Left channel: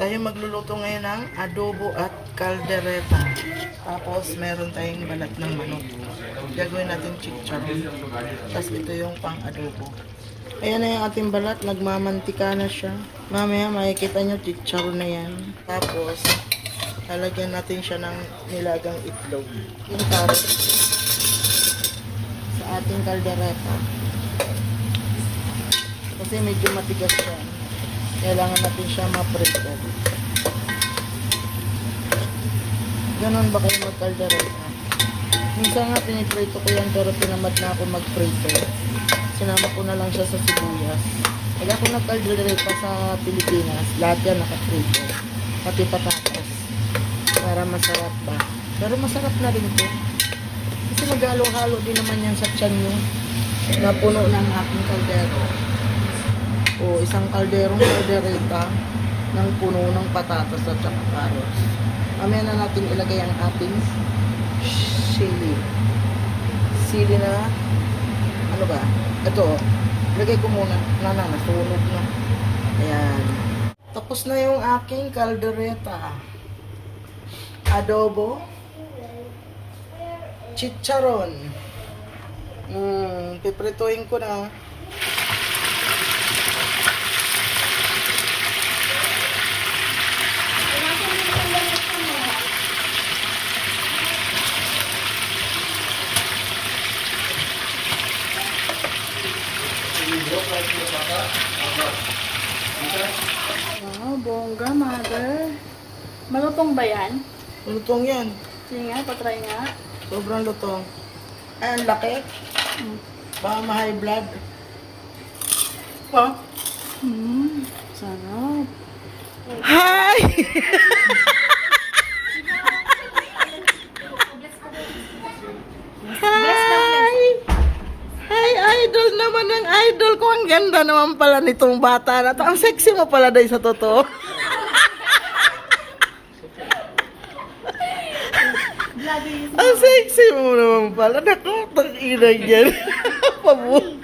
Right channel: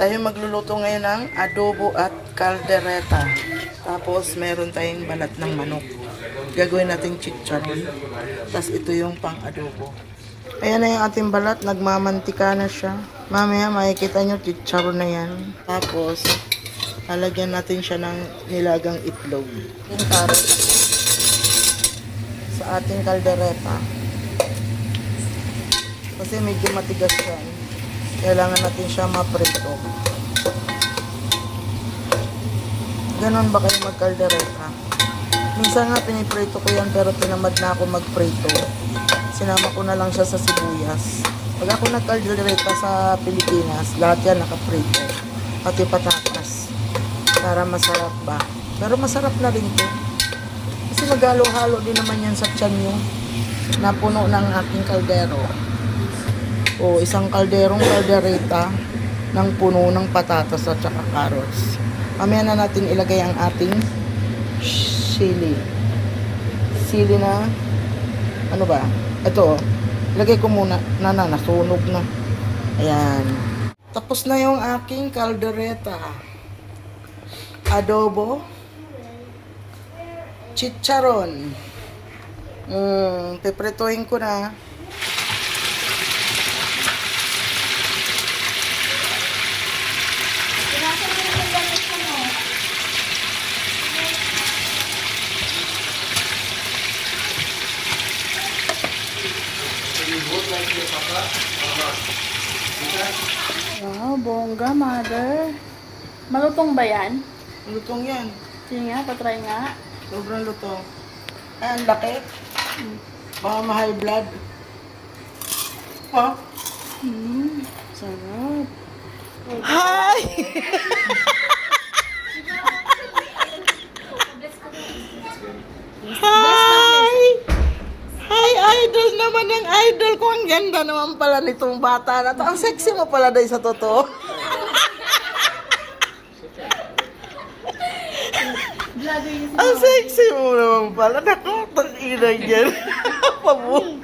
Tayo magluluto ngayon ng adobo at caldereta. Tapos meron tayong balat ng manok. Gagawin natin chicharon. Tapos ito yung pang adobo. Ayan na yung ating balat. Nagmamantika na siya. Mamaya makikita nyo chicharon na yan. Tapos lalagyan natin siya ng nilagang itlog. Yung carrot sa ating caldereta. Kasi medyo matigas yan. Kailangan natin siya maprito. Ganon ba kayo mag-caldereta? Minsan nga piniprito ko yan pero tinamad na ako magprito. Sinama ko na lang siya sa sibuyas. Pag ako nag-caldereta sa Pilipinas, lahat yan nakaprito. Pati patatas. Para masarap ba? Pero masarap na rin to. Kasi maghalo-halo din naman yan sa tiyan nyo na puno ng aking kaldero. O isang caldereta ng puno ng patatas at saka carrots. Mamaya na natin ilagay ang ating sili. Sili na, ano ba? Ito, ilagay ko muna. Nasunog na. Ayan. Tapos na yung aking caldereta. Adobo. Chicharon. Piprituhin ko na. Wow, bongga, mother. Malutong ba yan? Lutong yan. Sige nga, patry nga. Sobrang lutong. Ay, ang laki. Baka ma-high blood. Ha? Sarap. Hi! Hi! Hi, idol naman ng idol ko. Ang ganda naman pala nitong bata na to. Ang sexy mo pala dahil sa totoo. Ang sexy mo naman pala. Naku, tang ina yan. Pabu.